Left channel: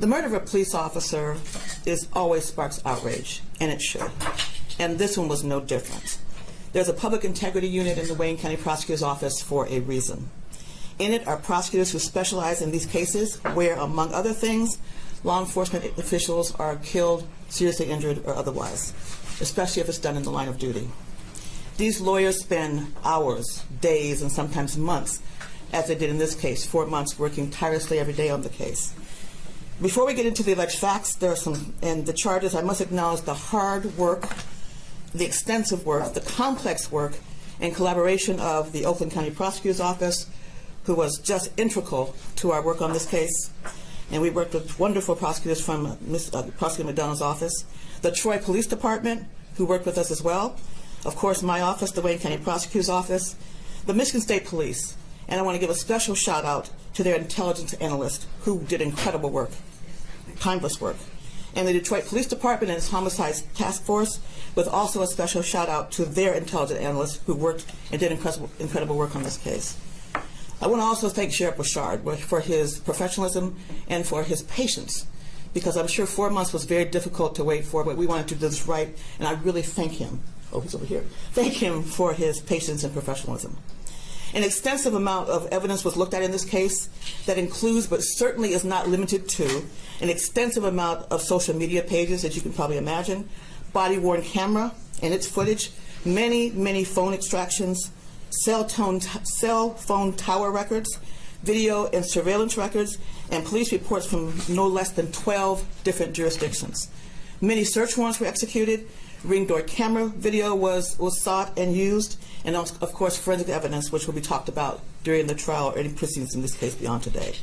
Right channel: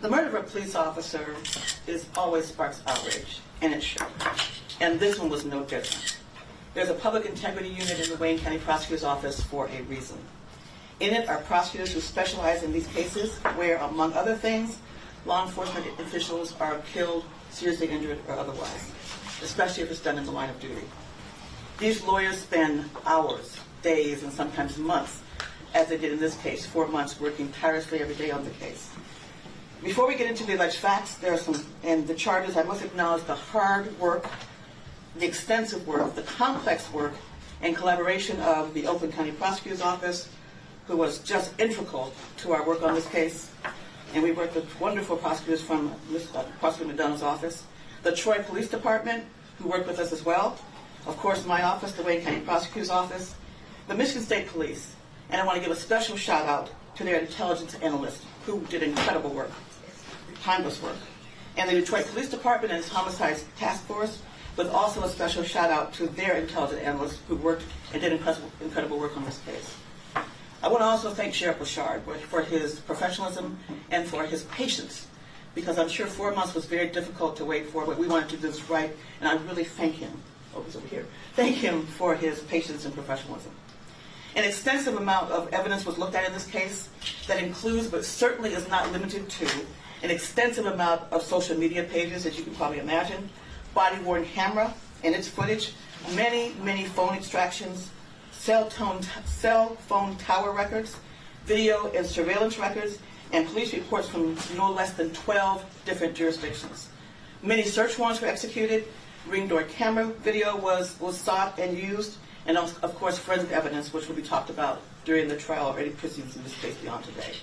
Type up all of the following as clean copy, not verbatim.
The murder of a police officer always sparks outrage, and it should. And this one was no different. There's a public integrity unit in the Wayne County Prosecutor's Office for a reason. In it are prosecutors who specialize in these cases where, among other things, law enforcement officials are killed, seriously injured, or otherwise, especially if it's done in the line of duty. These lawyers spend hours, days, and sometimes months, as they did in this case, 4 months working tirelessly every day on the case. Before we get into the alleged facts, and the charges, I must acknowledge the hard work, the extensive work, the complex work, and collaboration of the Oakland County Prosecutor's Office, who was just integral to our work on this case. And we worked with wonderful prosecutors from Prosecutor McDonald's office, the Troy Police Department, who worked with us as well, of course my office, the Wayne County Prosecutor's Office, the Michigan State Police, and I want to give a special shout out to their intelligence analyst, who did incredible work, timeless work, and the Detroit Police Department and its Homicide Task Force, with also a special shout out to their intelligence analyst who worked and did incredible work on this case. I want to also thank Sheriff Bouchard for his professionalism and for his patience, because I'm sure 4 months was very difficult to wait for, but we wanted to do this right, and I really thank him. Oh, he's over here. Thank him for his patience and professionalism. An extensive amount of evidence was looked at in this case that includes, but certainly is not limited to, an extensive amount of social media pages, as you can probably imagine, body-worn camera and its footage, many phone extractions, cell phone tower records, video and surveillance records, and police reports from no less than 12 different jurisdictions. Many search warrants were executed, ring door camera video was sought and used, and of course forensic evidence, which will be talked about during the trial or any proceedings in this case beyond today.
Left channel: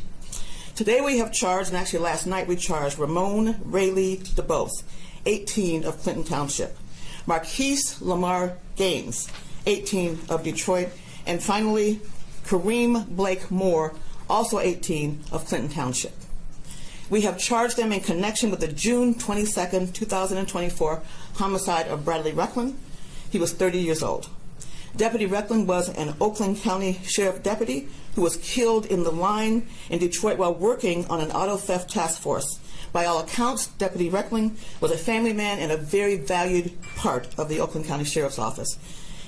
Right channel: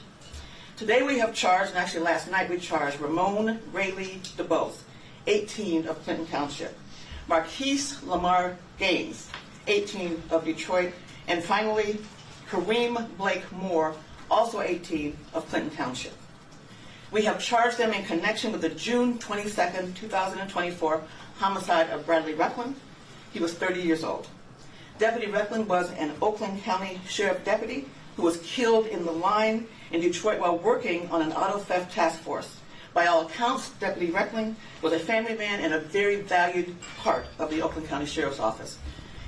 Today we have charged, and actually last night we charged, Ramon Rayleigh DeBose, 18 of Clinton Township, Marquise Lamar Gaines, 18 of Detroit, and finally Kareem Blake Moore, also 18 of Clinton Township. We have charged them in connection with the June 22nd, 2024 homicide of Bradley Reckling. He was 30 years old. Deputy Reckling was an Oakland County Sheriff deputy who was killed in the line in Detroit while working on an auto theft task force. By all accounts, Deputy Reckling was a family man and a very valued part of the Oakland County Sheriff's Office.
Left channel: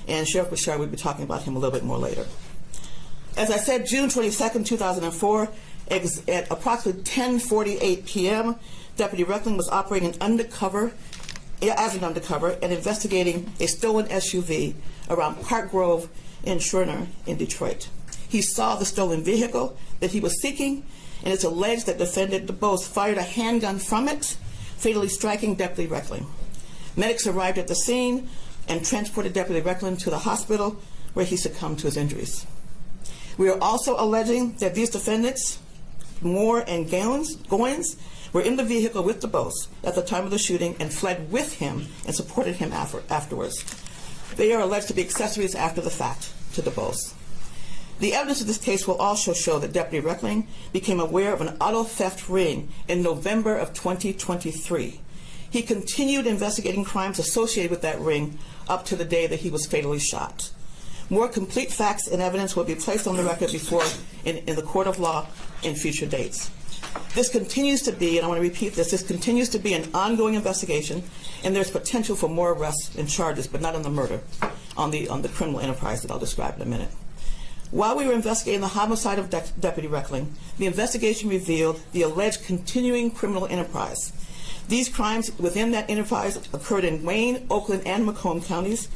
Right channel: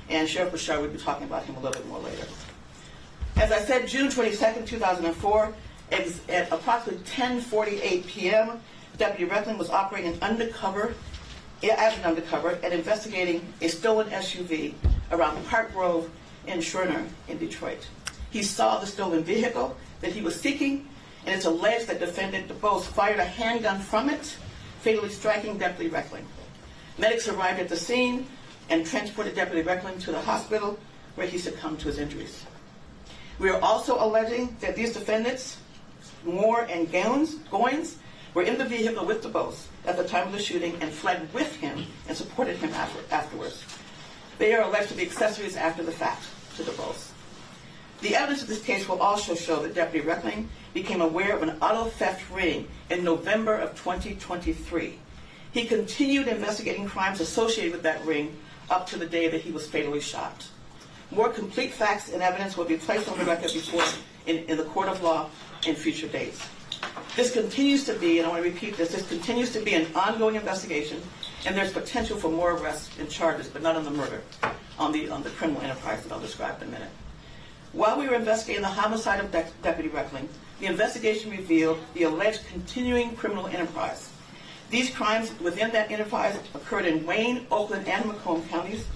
And Sheriff Bouchard will be talking about him a little bit more later. As I said, June 22nd, 2004, at approximately 10:48 p.m., Deputy Reckling was operating as an undercover and investigating a stolen SUV around Park Grove in Schwerner in Detroit. He saw the stolen vehicle that he was seeking, and it's alleged that Defendant DeBose fired a handgun from it, fatally striking Deputy Reckling. Medics arrived at the scene and transported Deputy Reckling to the hospital, where he succumbed to his injuries. We are also alleging that these defendants, Moore and Goins, were in the vehicle with DeBose at the time of the shooting and fled with him and supported him afterwards. They are alleged to be accessories after the fact to DeBose. The evidence of this case will also show that Deputy Reckling became aware of an auto theft ring in November of 2023. He continued investigating crimes associated with that ring up to the day that he was fatally shot. More complete facts and evidence will be placed on the record in the court of law in future dates. This continues to be, and I want to repeat this continues to be an ongoing investigation, and there's potential for more arrests and charges, but not on the murder, on the criminal enterprise that I'll describe in a minute. While we were investigating the homicide of Deputy Reckling, the investigation revealed the alleged continuing criminal enterprise. These crimes within that enterprise occurred in Wayne, Oakland, and Macomb counties,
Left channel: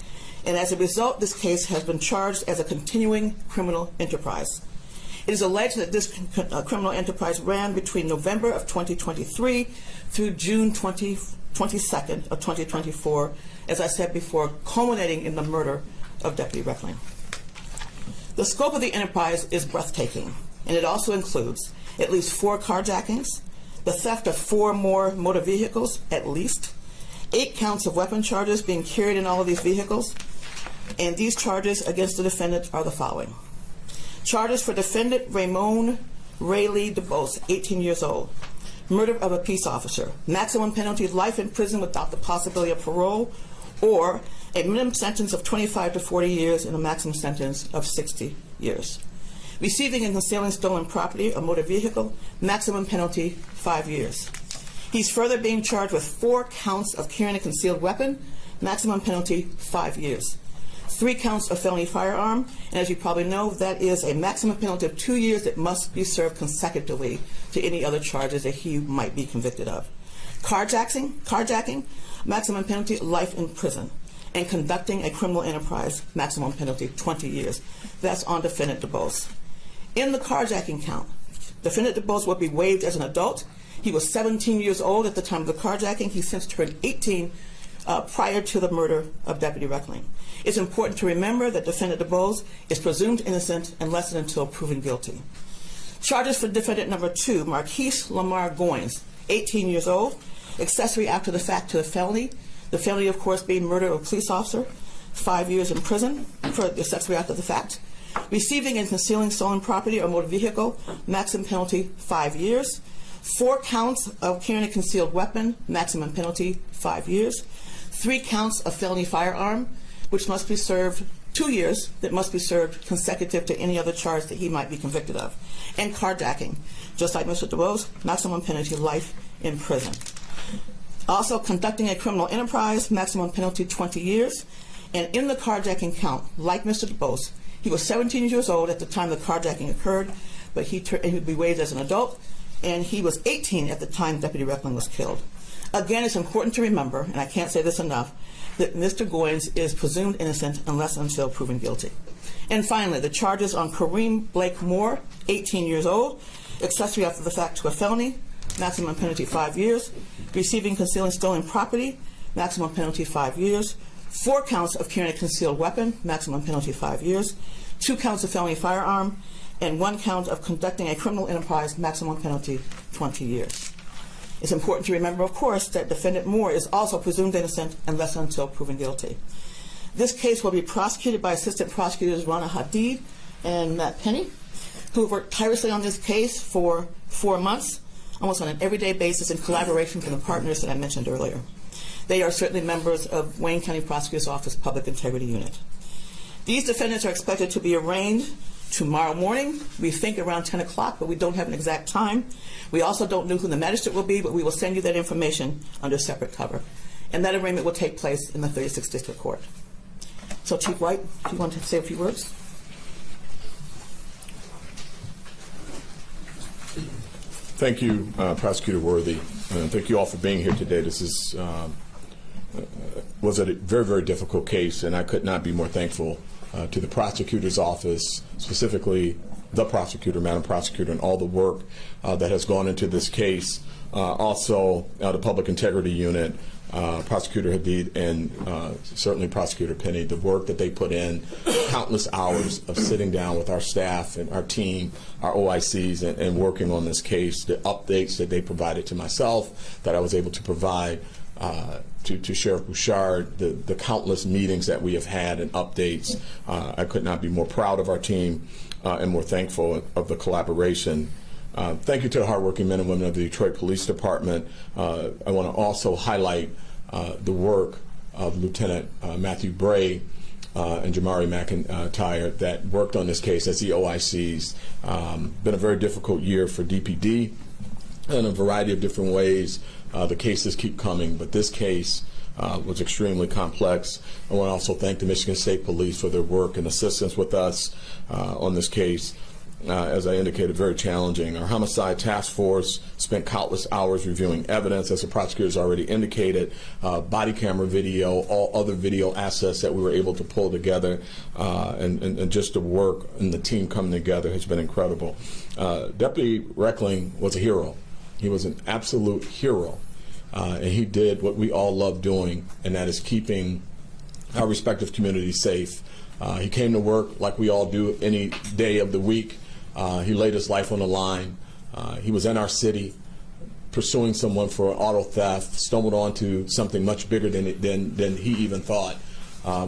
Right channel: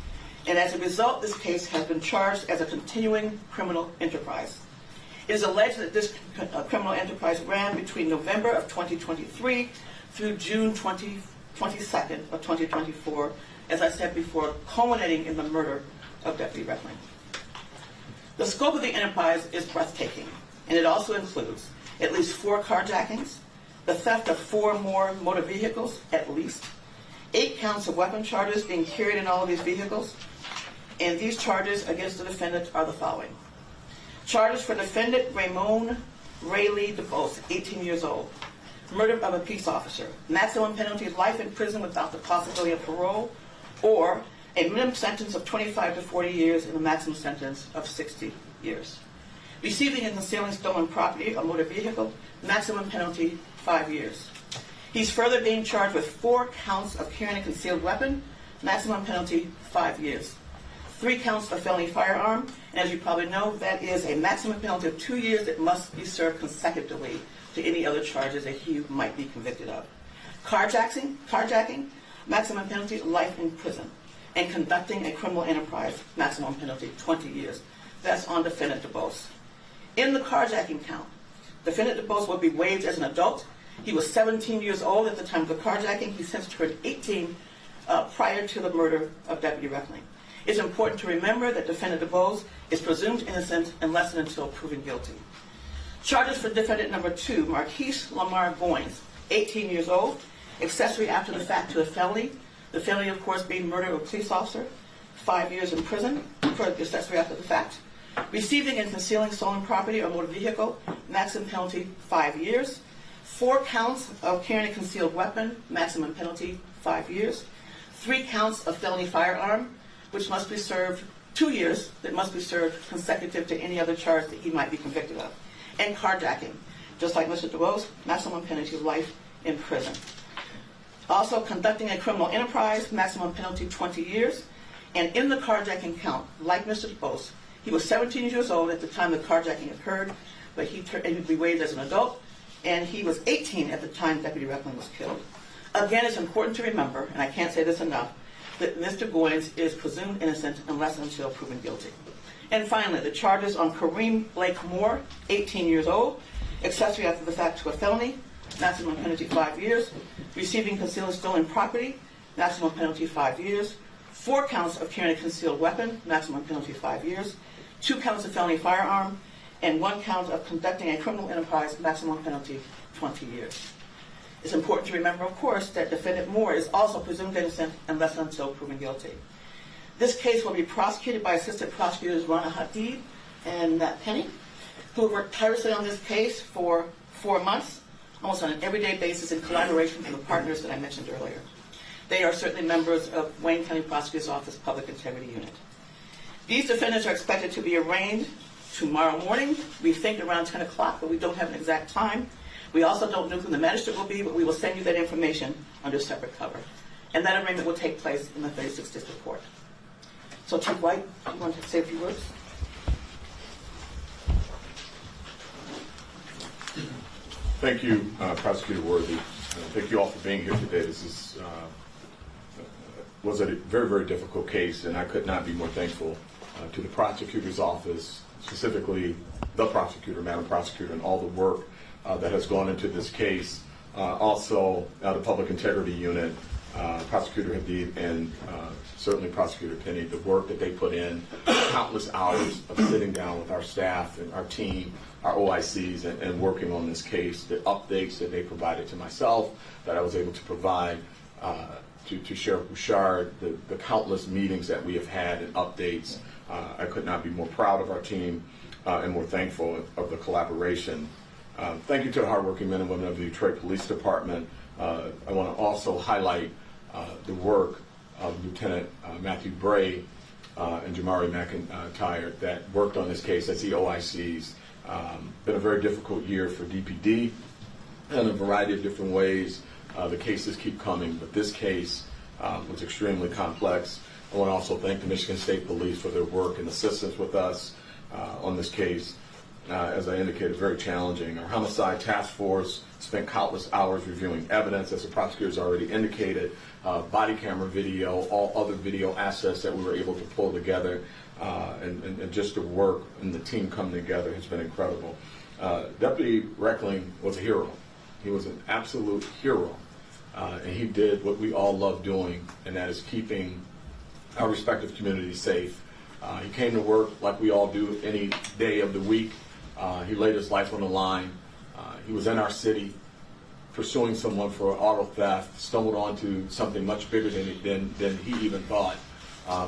and as a result, this case has been charged as a continuing criminal enterprise. It is alleged that this criminal enterprise ran between November of 2023 through June 22nd of 2024, as I said before, culminating in the murder of Deputy Reckling. The scope of the enterprise is breathtaking, and it also includes at least 4 carjackings, the theft of 4 more motor vehicles, at least, 8 counts of weapon charges being carried in all of these vehicles, and these charges against the defendant are the following. Charges for Defendant Ramon Rayleigh DeBose, 18 years old, murder of a peace officer, maximum penalty life in prison without the possibility of parole, or a minimum sentence of 25 to 40 years and a maximum sentence of 60 years. Receiving and concealing stolen property, a motor vehicle, maximum penalty 5 years. He's further being charged with 4 counts of carrying a concealed weapon, maximum penalty 5 years. 3 counts of felony firearm, and as you probably know, that is a maximum penalty of 2 years that must be served consecutively to any other charges that he might be convicted of. Carjacking, maximum penalty life in prison. And conducting a criminal enterprise, maximum penalty 20 years. That's on Defendant DeBose. In the carjacking count, Defendant DeBose will be waived as an adult. He was 17 years old at the time of the carjacking. He since turned 18 prior to the murder of Deputy Reckling. It's important to remember that Defendant DeBose is presumed innocent unless and until proven guilty. Charges for Defendant number 2, Marquise Lamar Goins, 18 years old, accessory after the fact to a felony. The felony, of course, being murder of a police officer, 5 years in prison for accessory after the fact. Receiving and concealing stolen property or motor vehicle, maximum penalty 5 years. 4 counts of carrying a concealed weapon, maximum penalty 5 years. 3 counts of felony firearm, which must be served 2 years, that must be served consecutive to any other charge that he might be convicted of. And carjacking, just like Mr. DeBose, maximum penalty life in prison. Also, conducting a criminal enterprise, maximum penalty 20 years. And in the carjacking count, like Mr. DeBose, he was 17 years old at the time the carjacking occurred, but he would be waived as an adult, and he was 18 at the time Deputy Reckling was killed. Again, it's important to remember, and I can't say this enough, that Mr. Goins is presumed innocent unless and until proven guilty. And finally, the charges on Kareem Blake Moore, 18 years old, accessory after the fact to a felony, maximum penalty 5 years. Receiving, concealing stolen property, maximum penalty 5 years. 4 counts of carrying a concealed weapon, maximum penalty 5 years. 2 counts of felony firearm, and 1 count of conducting a criminal enterprise, maximum penalty 20 years. It's important to remember, of course, that Defendant Moore is also presumed innocent unless and until proven guilty. This case will be prosecuted by Assistant Prosecutors Rana Hadid and Matt Penny, who have worked tirelessly on this case for 4 months, almost on an everyday basis in collaboration with the partners that I mentioned earlier. They are certainly members of Wayne County Prosecutor's Office Public Integrity Unit. These defendants are expected to be arraigned tomorrow morning. We think around 10 o'clock, but we don't have an exact time. We also don't know who the magistrate will be, but we will send you that information under separate cover. And that arraignment will take place in the 36th District Court. So, Chief White, do you want to say a few words? Thank you, Prosecutor Worthy, and thank you all for being here today. This was a very, very difficult case, and I could not be more thankful to the prosecutor's office, specifically the prosecutor, Madam Prosecutor, and all the work that has gone into this case. Also, the Public Integrity Unit, Prosecutor Hadid, and certainly Prosecutor Penny, the work that they put in, countless hours of sitting down with our staff and our team, our OICs, and working on this case, the updates that they provided to myself, that I was able to provide to Sheriff Bouchard, the countless meetings that we have had and updates. I could not be more proud of our team and more thankful of the collaboration. Thank you to the hardworking men and women of the Detroit Police Department. I want to also highlight the work of Lieutenant Matthew Bray and Jamari McIntyre that worked on this case as the OICs. Been a very difficult year for DPD in a variety of different ways. The cases keep coming, but this case was extremely complex. I want to also thank the Michigan State Police for their work and assistance with us on this case. As I indicated, very challenging. Our homicide task force spent countless hours reviewing evidence, as the prosecutors already indicated, body camera video, all other video assets that we were able to pull together, and just the work and the team coming together has been incredible. Deputy Reckling was a hero. He was an absolute hero, and he did what we all love doing, and that is keeping our respective communities safe. He came to work like we all do any day of the week. He laid his life on the line. He was in our city pursuing someone for auto theft, stumbled onto something much bigger than he even thought,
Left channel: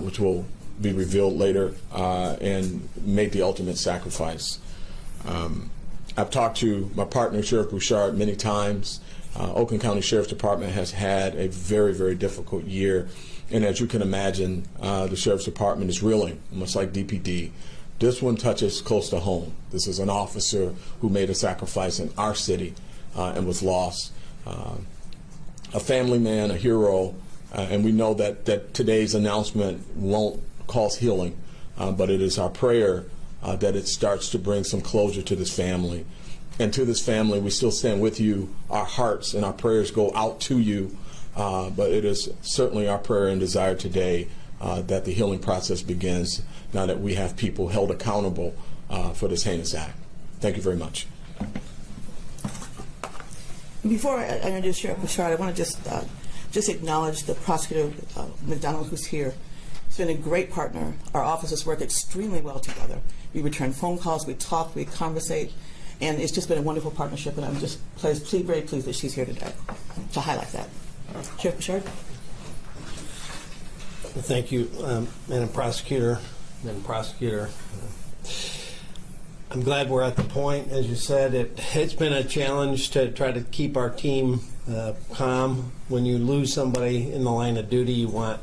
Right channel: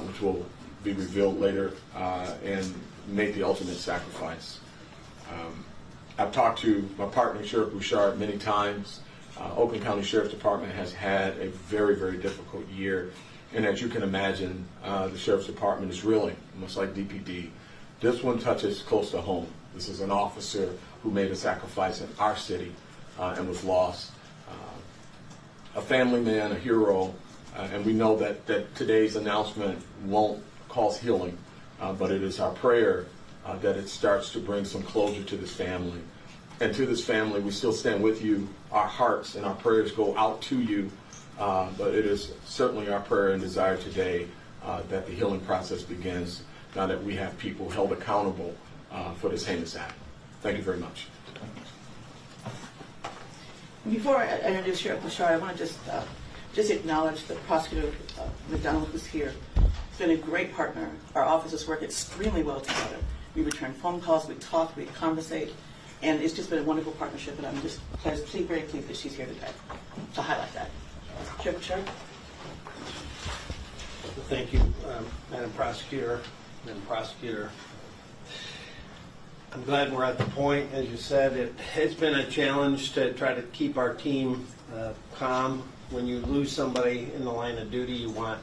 which will be revealed later, and made the ultimate sacrifice. I've talked to my partner, Sheriff Bouchard, many times. Oakland County Sheriff's Department has had a very, very difficult year. And as you can imagine, the Sheriff's Department is reeling, much like DPD. This one touches close to home. This is an officer who made a sacrifice in our city and was lost. A family man, a hero, and we know that today's announcement won't cause healing, but it is our prayer that it starts to bring some closure to this family. And to this family, we still stand with you. Our hearts and our prayers go out to you, but it is certainly our prayer and desire today that the healing process begins now that we have people held accountable for this heinous act. Thank you very much. Before I introduce Sheriff Bouchard, I want to just acknowledge the prosecutor, McDonald, who's here. He's been a great partner. Our offices work extremely well together. We return phone calls, we talk, we conversate, and it's just been a wonderful partnership, and I'm just very pleased that she's here today to highlight that. Sheriff Bouchard? Thank you, Madam Prosecutor. I'm glad we're at the point, as you said, it's been a challenge to try to keep our team calm. When you lose somebody in the line of duty, you want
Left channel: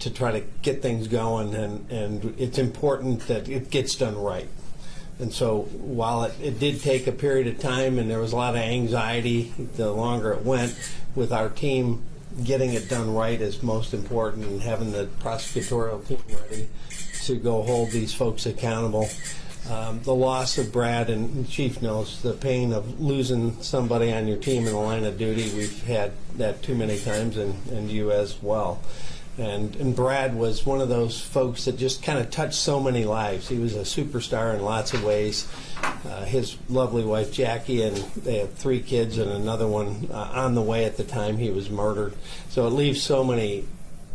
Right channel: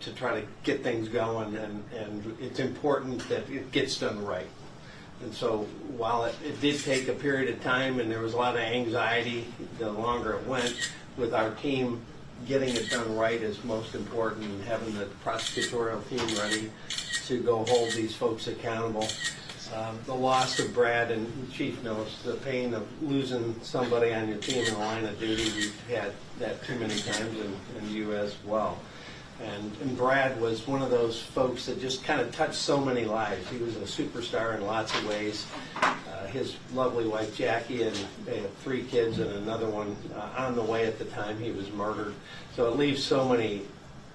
to try to get things going, and it's important that it gets done right. And so while it did take a period of time and there was a lot of anxiety, the longer it went with our team, getting it done right is most important, and having the prosecutorial team ready to go hold these folks accountable. The loss of Brad, and the Chief knows the pain of losing somebody on your team in the line of duty. We've had that too many times, and you as well. And Brad was one of those folks that just kind of touched so many lives. He was a superstar in lots of ways. His lovely wife, Jackie, and they had 3 kids and another one on the way at the time he was murdered. So it leaves so many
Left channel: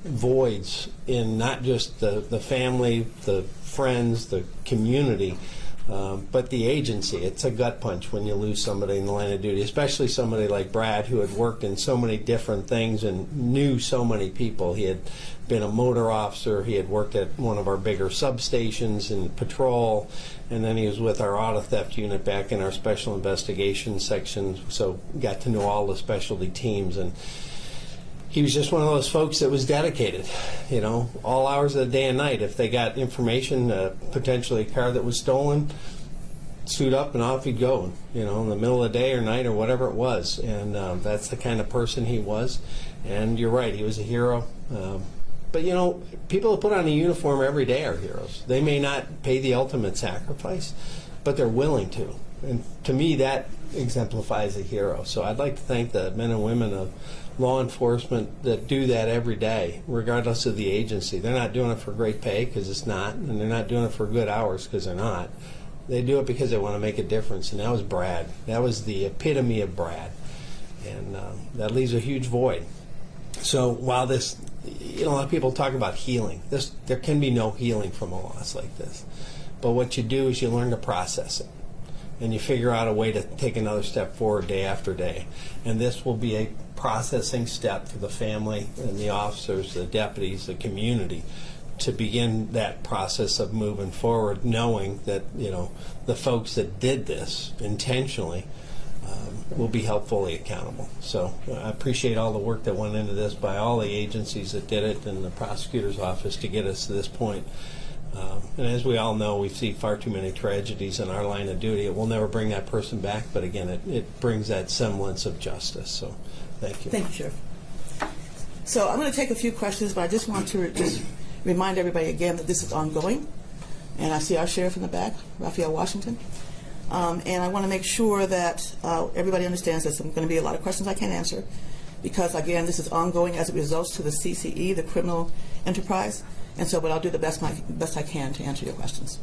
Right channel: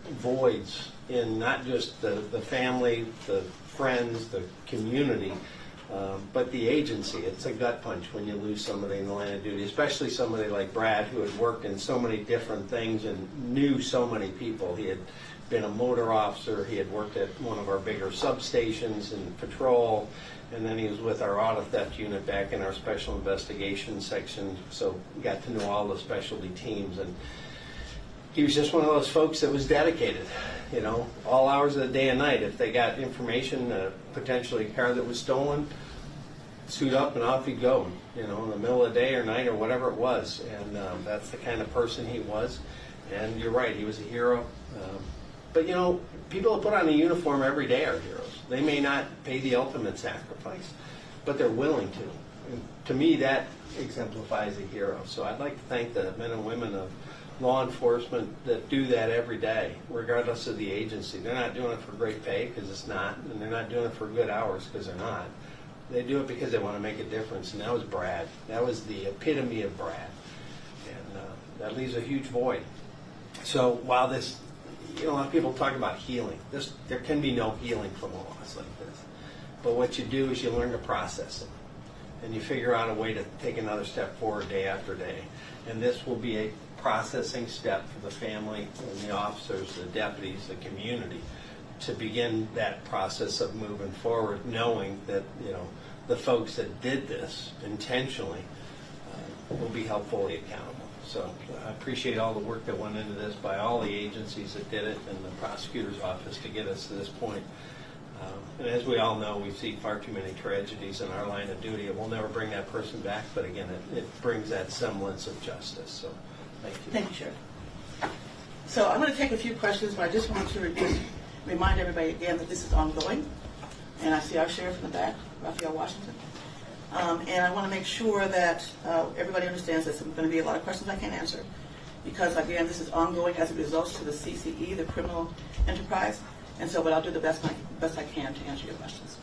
voids in not just the family, the friends, the community, but the agency. It's a gut punch when you lose somebody in the line of duty, especially somebody like Brad, who had worked in so many different things and knew so many people. He had been a motor officer, he had worked at one of our bigger substations in patrol, and then he was with our auto theft unit back in our special investigations section, so got to know all the specialty teams. And he was just one of those folks that was dedicated, all hours of the day and night. If they got information, potentially a car that was stolen, suit up and off he'd go, in the middle of the day or night or whatever it was. And that's the kind of person he was. And you're right, he was a hero. But, people that put on a uniform every day are heroes. They may not pay the ultimate sacrifice, but they're willing to. And to me, that exemplifies a hero. So I'd like to thank the men and women of law enforcement that do that every day, regardless of the agency. They're not doing it for great pay, because it's not, and they're not doing it for good hours, because they're not. They do it because they want to make a difference, and that was Brad. That was the epitome of Brad, and that leaves a huge void. So while this, a lot of people talk about healing. There can be no healing from a loss like this, but what you do is you learn to process it, and you figure out a way to take another step forward day after day, and this will be a processing step for the family and the officers, the deputies, the community, to begin that process of moving forward, knowing that the folks that did this intentionally will be held fully accountable. So I appreciate all the work that went into this by all the agencies that did it and the prosecutor's office to get us to this point. And as we all know, we see far too many tragedies in our line of duty. It will never bring that person back, but again, it brings that semblance of justice. So thank you. Thank you, Sheriff. So I'm going to take a few questions, but I just want to remind everybody again that this is ongoing. And I see our sheriff in the back, Raphael Washington. And I want to make sure that everybody understands there's going to be a lot of questions I can't answer, because, again, this is ongoing as it results to the CCE, the criminal enterprise. And so I'll do the best I can to answer your questions.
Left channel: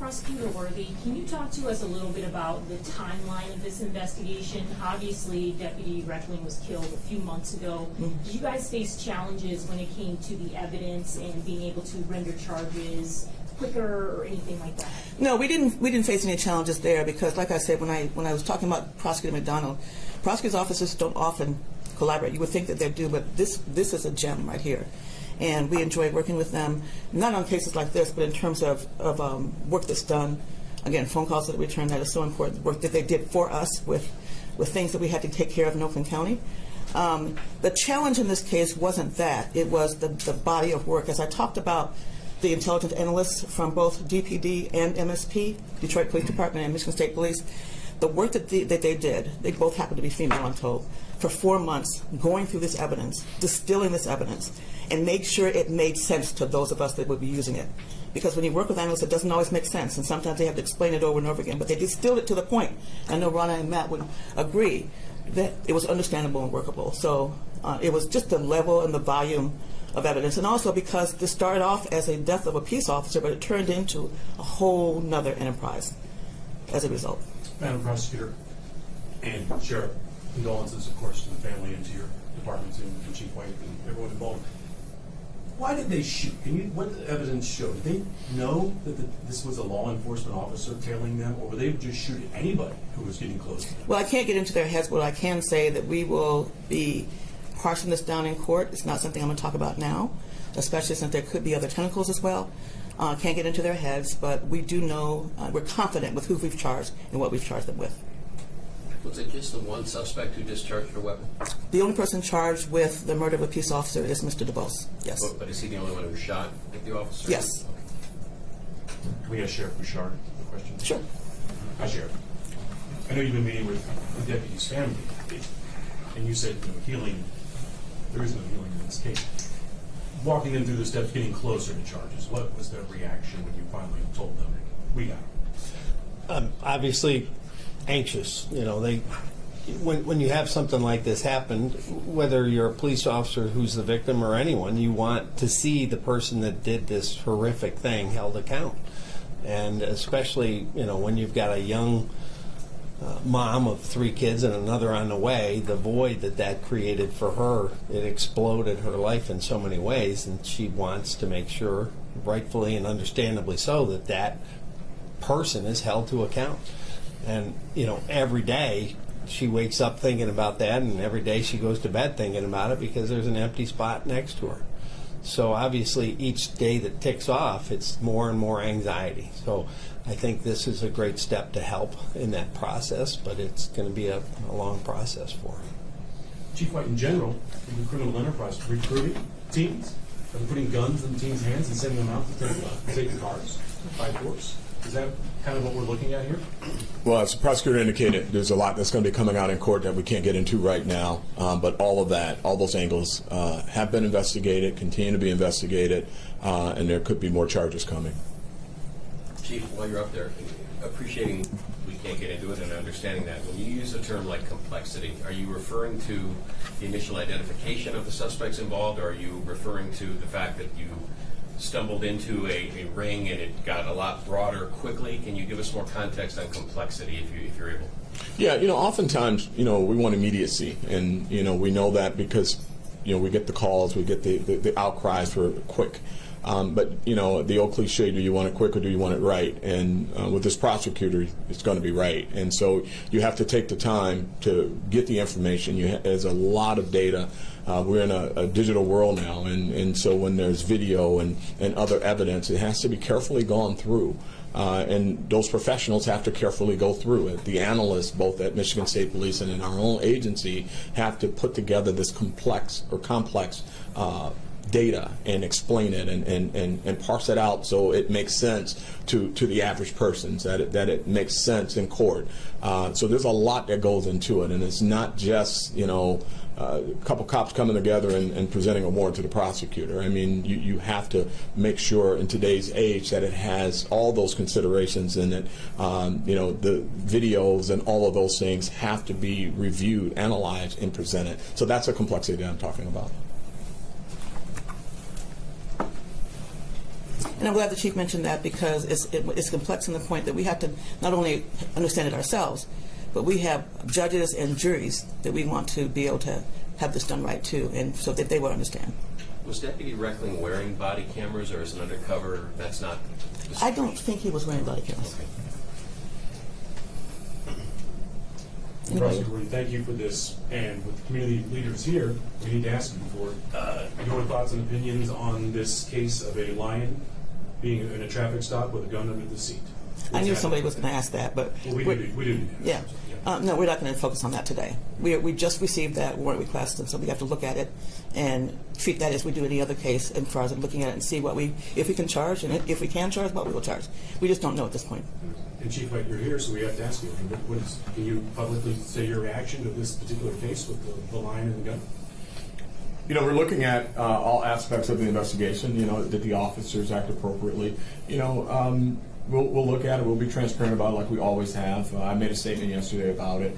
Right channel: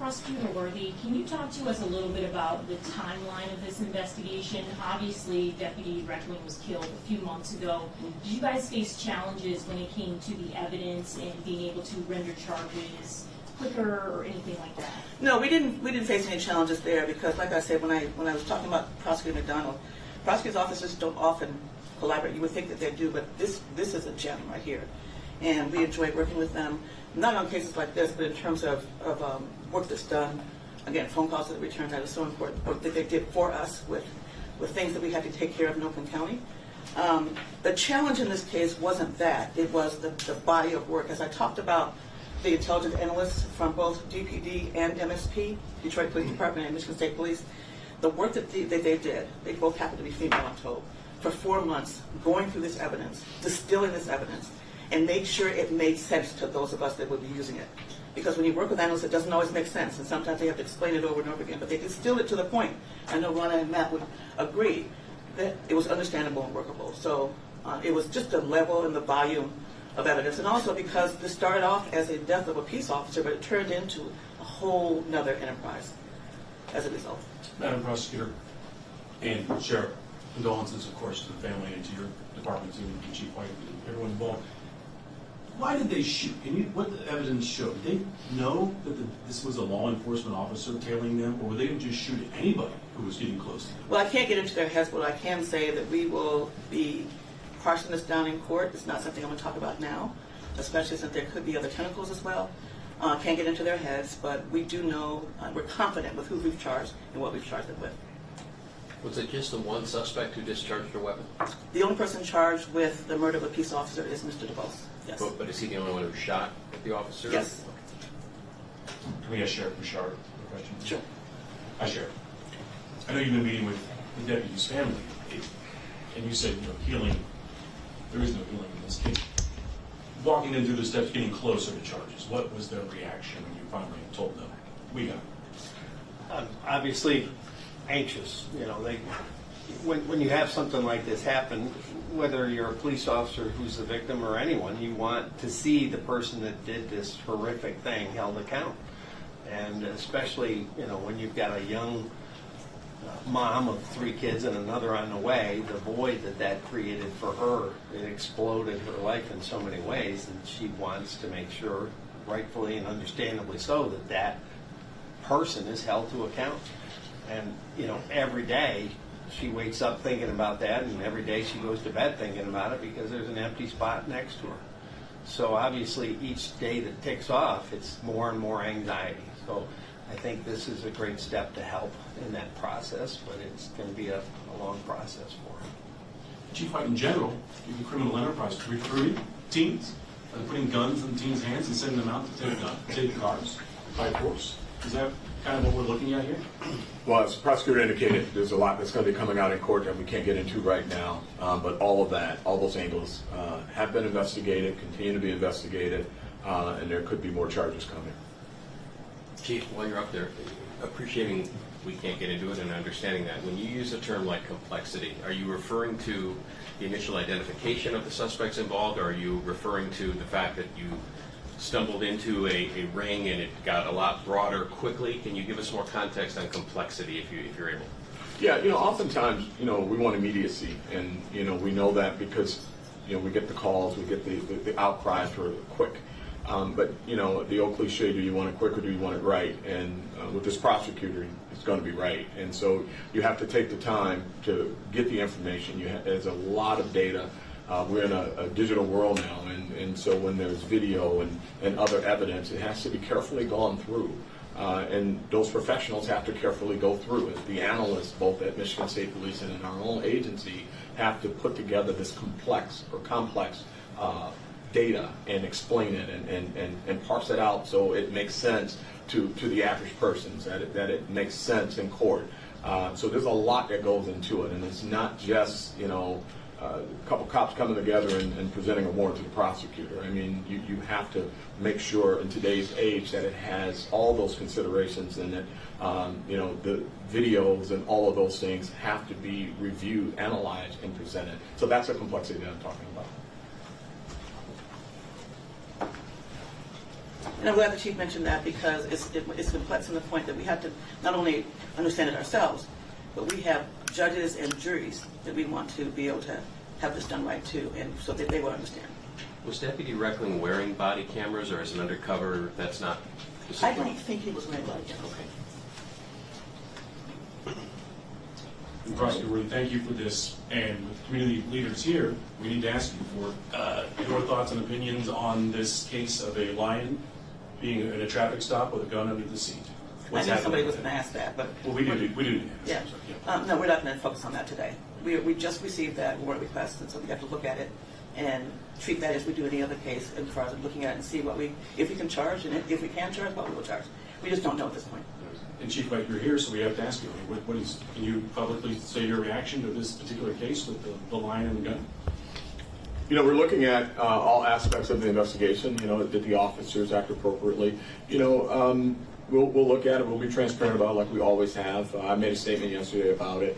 Prosecutor Worthy, can you talk to us a little bit about the timeline of this investigation? Obviously, Deputy Reckling was killed a few months ago. Did you guys face challenges when it came to the evidence and being able to render charges quicker or anything like that? No, we didn't face any challenges there, because, like I said, when I was talking about Prosecutor McDonald, prosecutors' offices don't often collaborate. You would think that they do, but this is a gem right here. And we enjoyed working with them, not on cases like this, but in terms of work that's done. Again, phone calls that returned that is so important, work that they did for us with things that we had to take care of in Oakland County. The challenge in this case wasn't that. It was the body of work. As I talked about the intelligence analysts from both DPD and MSP, Detroit Police Department and Michigan State Police, the work that they did, they both happen to be female, I'm told, for 4 months, going through this evidence, distilling this evidence, and made sure it made sense to those of us that would be using it. Because when you work with analysts, it doesn't always make sense, and sometimes they have to explain it over and over again, but they distill it to the point. I know Ronna and Matt would agree that it was understandable and workable. So it was just the level and the volume of evidence, and also because this started off as a death of a peace officer, but it turned into a whole nother enterprise as a result. Madam Prosecutor and Sheriff, condolences, of course, to the family and to your department and Chief White and everyone involved. Why did they shoot? What the evidence show? Did they know that this was a law enforcement officer tailing them, or were they just shooting anybody who was getting close to them? Well, I can't get into their heads, but I can say that we will be parsing this down in court. It's not something I'm going to talk about now, especially since there could be other tentacles as well. I can't get into their heads, but we do know, we're confident with who we've charged and what we've charged them with. Was it just the one suspect who discharged a weapon? The only person charged with the murder of a peace officer is Mr. DeBose. Yes. But is he the only one who shot at the officer? Yes. Okay. Can we ask Sheriff Bouchard a question? Sure. Hi, Sheriff. I know you've been meeting with the deputy's family, and you said, healing, there is no healing in this case. Walking them through the steps, getting closer to charges, what was their reaction when you finally told them, we got it? Obviously anxious. When you have something like this happen, whether you're a police officer who's the victim or anyone, you want to see the person that did this horrific thing held account. And especially, when you've got a young mom of 3 kids and another on the way, the void that created for her, it exploded her life in so many ways, and she wants to make sure, rightfully and understandably so, that person is held to account. And, every day she wakes up thinking about that, and every day she goes to bed thinking about it because there's an empty spot next to her. So obviously each day that ticks off, it's more and more anxiety. So I think this is a great step to help in that process, but it's going to be a long process for her. Chief White, in general, in the criminal enterprise, recruiting teens, and putting guns in teens' hands and sending them out to take cars by force. Is that kind of what we're looking at here? Well, as the prosecutor indicated, there's a lot that's going to be coming out in court that we can't get into right now. But all those angles have been investigated, continue to be investigated, and there could be more charges coming. Chief, while you're up there, appreciating we can't get into it and understanding that, when you use a term like complexity, are you referring to the initial identification of the suspects involved, or are you referring to the fact that you stumbled into a ring and it got a lot broader quickly? Can you give us more context on complexity if you're able? Yeah, oftentimes, we want immediacy, and, we know that because, we get the calls, we get the outcries for quick. But, the old cliche, do you want it quick or do you want it right? And with this prosecutor, it's going to be right. And so you have to take the time to get the information. There's a lot of data. We're in a digital world now, and so when there's video and other evidence, it has to be carefully gone through. And those professionals have to carefully go through it. The analysts, both at Michigan State Police and in our own agency, have to put together this complex data and explain it and parse it out so it makes sense to the average person, that it makes sense in court. So there's a lot that goes into it, and it's not just a couple cops coming together and presenting a warrant to the prosecutor. I mean, you have to make sure in today's age that it has all those considerations in it. The videos and all of those things have to be reviewed, analyzed, and presented. So that's a complexity that I'm talking about. And I'm glad the Chief mentioned that because it's complex in the point that we have to not only understand it ourselves, but we have judges and juries that we want to be able to have this done right too, and so that they will understand. Was Deputy Reckling wearing body cameras, or is it undercover? That's not. I don't think he was wearing body cameras. Okay. Prosecutor Worthy, thank you for this, and with community leaders here, we need to ask you for your thoughts and opinions on this case of a lion being in a traffic stop with a gun under the seat. I knew somebody was going to ask that, but Well, we didn't. yeah. No, we're not going to focus on that today. We just received that warrant request, and so we have to look at it and treat that as we do any other case, as far as looking at it and see if we can charge, and if we can charge, what we will charge. We just don't know at this point. And Chief White, you're here, so we have to ask you. I mean, can you publicly say your reaction to this particular case with the line and the gun? You know, we're looking at all aspects of the investigation. You know, did the officers act appropriately? You know, we'll look at it. We'll be transparent about it like we always have. I made a statement yesterday about it.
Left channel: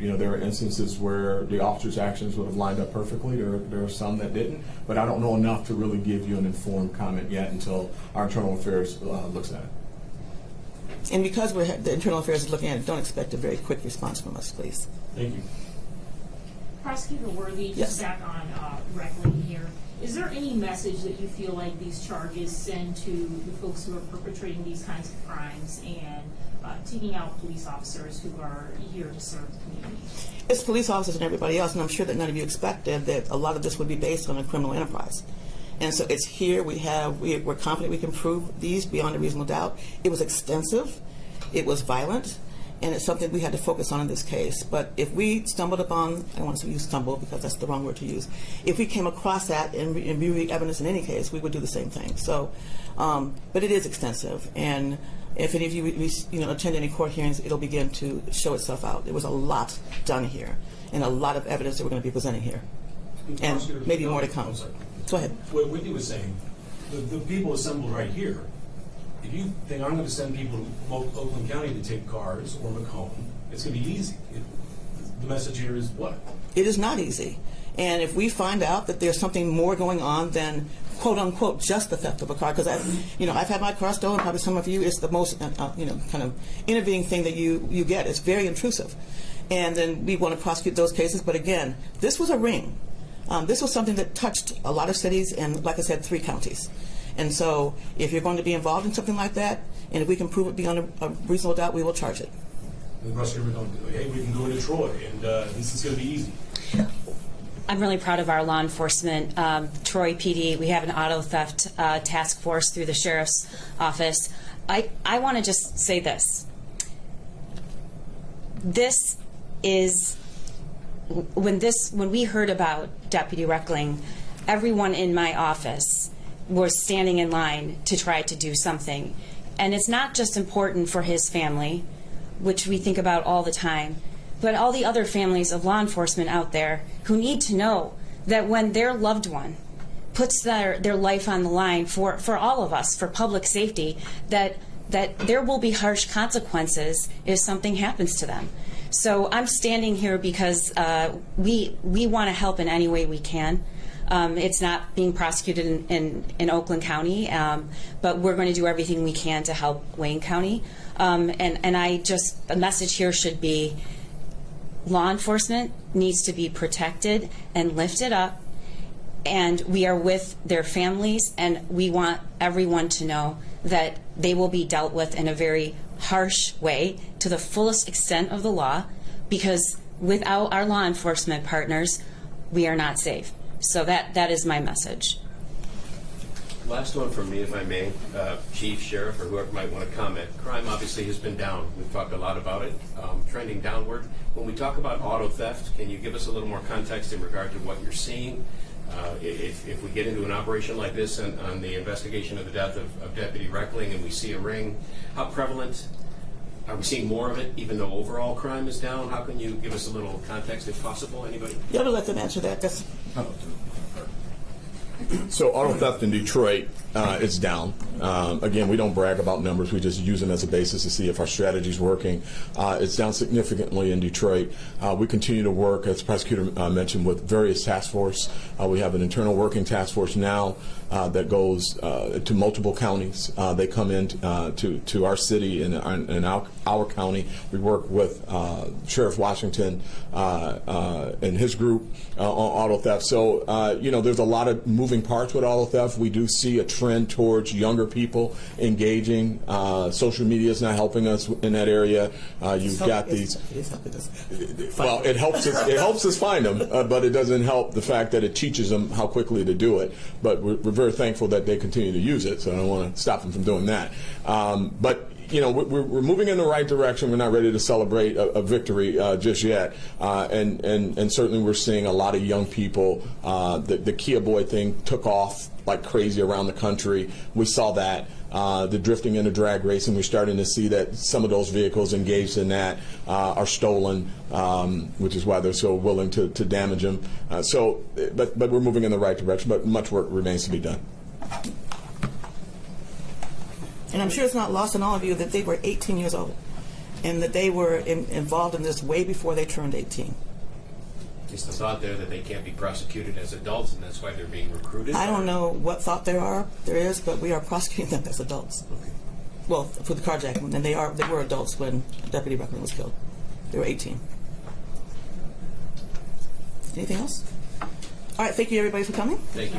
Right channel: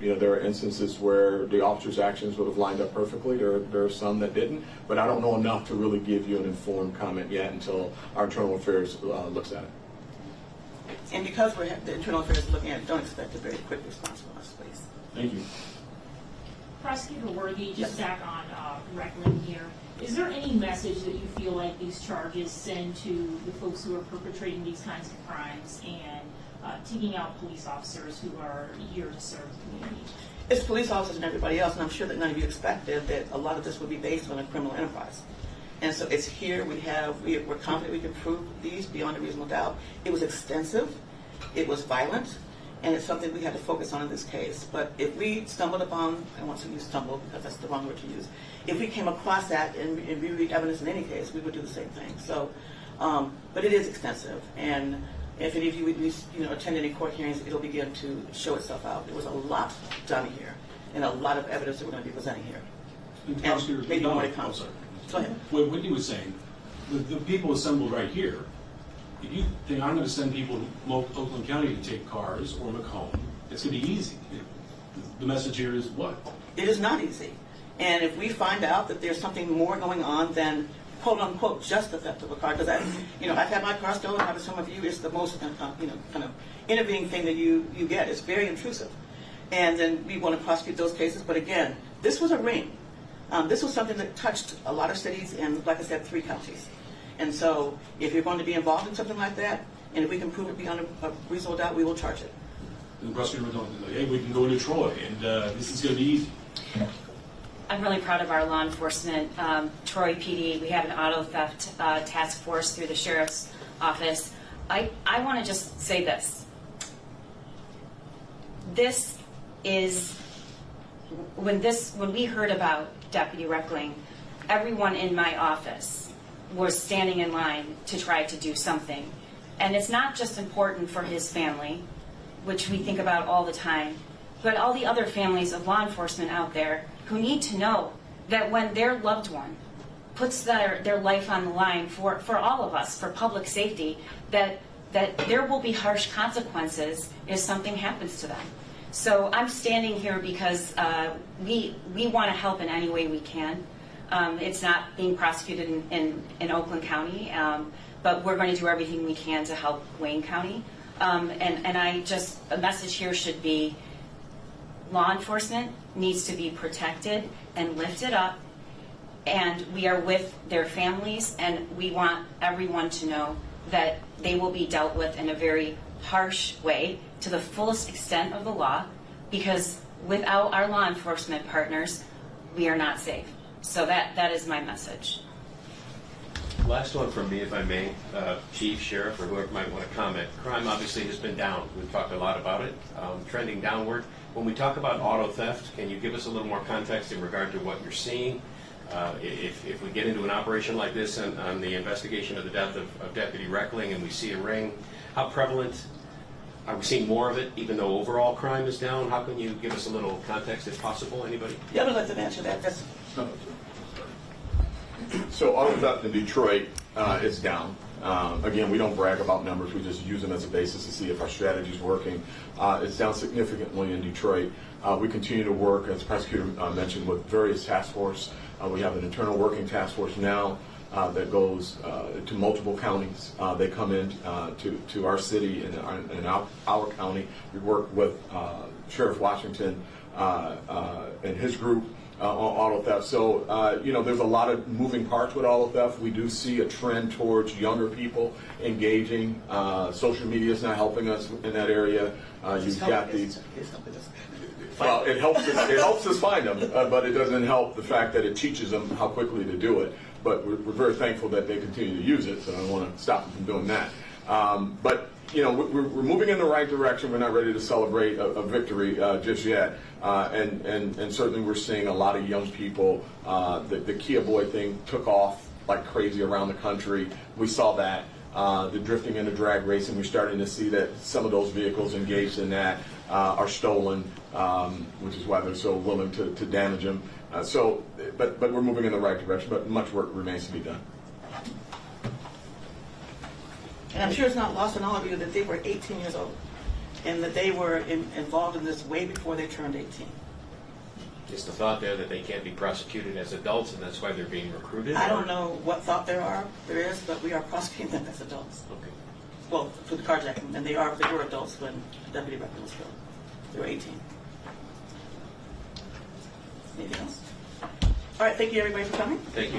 You know, there are instances where the officers' actions would have lined up perfectly. There are some that didn't. But I don't know enough to really give you an informed comment yet until our internal affairs looks at it. And because the internal affairs is looking at it, don't expect a very quick response from us, please. Thank you. Prosecutor Worthy, just Yes. back on Reckling here. Is there any message that you feel like these charges send to the folks who are perpetrating these kinds of crimes and taking out police officers who are here to serve the community? It's police officers and everybody else, and I'm sure that none of you expected that a lot of this would be based on a criminal enterprise. And so it's here. We're confident we can prove these beyond a reasonable doubt. It was extensive. It was violent. And it's something we had to focus on in this case. But if we stumbled upon, I don't want to use stumble because that's the wrong word to use. If we came across that and reviewed evidence in any case, we would do the same thing. So, but it is extensive. And if any of you attend any court hearings, it'll begin to show itself out. There was a lot done here and a lot of evidence that we're going to be presenting here. And maybe more to come. I'm sorry. Go ahead. What Whitney was saying, the people assembled right here, if you think I'm going to send people to Oakland County to take cars or Macomb, it's going to be easy. The message here is what? It is not easy. And if we find out that there's something more going on than quote unquote just the theft of a car, because I've had my car stolen. Probably some of you, it's the most kind of innovating thing that you get. It's very intrusive, and then we want to prosecute those cases. But again, this was a ring. This was something that touched a lot of cities and, like I said, 3 counties. And so if you're going to be involved in something like that, and if we can prove it beyond a reasonable doubt, we will charge it. And the prosecutor was going, hey, we can go to Troy, and this is going to be easy. I'm really proud of our law enforcement. Troy PD, we have an auto theft task force through the sheriff's office. I want to just say this. This is, when we heard about Deputy Reckling, everyone in my office was standing in line to try to do something. And it's not just important for his family, which we think about all the time, but all the other families of law enforcement out there who need to know that when their loved one puts their life on the line for all of us, for public safety, that there will be harsh consequences if something happens to them. So I'm standing here because we want to help in any way we can. It's not being prosecuted in Oakland County, but we're going to do everything we can to help Wayne County. A message here should be law enforcement needs to be protected and lifted up, and we are with their families, and we want everyone to know that they will be dealt with in a very harsh way to the fullest extent of the law, because without our law enforcement partners, we are not safe. So that is my message. Last one from me, if I may, Chief, Sheriff, or whoever might want to comment. Crime obviously has been down. We've talked a lot about it, trending downward. When we talk about auto theft, can you give us a little more context in regard to what you're seeing? If we get into an operation like this on the investigation of the death of Deputy Reckling and we see a ring, how prevalent are we seeing more of it, even though overall crime is down? How can you give us a little context, if possible? Anybody? Yeah, but let them answer that. That's So auto theft in Detroit is down. Again, we don't brag about numbers. We just use them as a basis to see if our strategy is working. It's down significantly in Detroit. We continue to work, as the prosecutor mentioned, with various task force. We have an internal working task force now that goes to multiple counties. They come in to our city and our county. We work with Sheriff Washington and his group on auto theft. So, there's a lot of moving parts with auto theft. We do see a trend towards younger people engaging. Social media is not helping us in that area. You've got these. It is helping us. Well, it helps us. It helps us find them, but it doesn't help the fact that it teaches them how quickly to do it. But we're very thankful that they continue to use it. So I don't want to stop them from doing that. But we're moving in the right direction. We're not ready to celebrate a victory just yet, and certainly we're seeing a lot of young people. The Kia Boy thing took off like crazy around the country. We saw that. The drifting and the drag racing, we're starting to see that some of those vehicles engaged in that are stolen, which is why they're so willing to damage them. But we're moving in the right direction, but much work remains to be done. And I'm sure it's not lost on all of you that they were 18 years old and that they were involved in this way before they turned 18. Is the thought there that they can't be prosecuted as adults, and that's why they're being recruited? I don't know what thought there is, but we are prosecuting them as adults. Okay. Well, for the carjacking, and they were adults when Deputy Reckling was killed. They were 18. Anything else? All right, thank you everybody for coming. Thank you.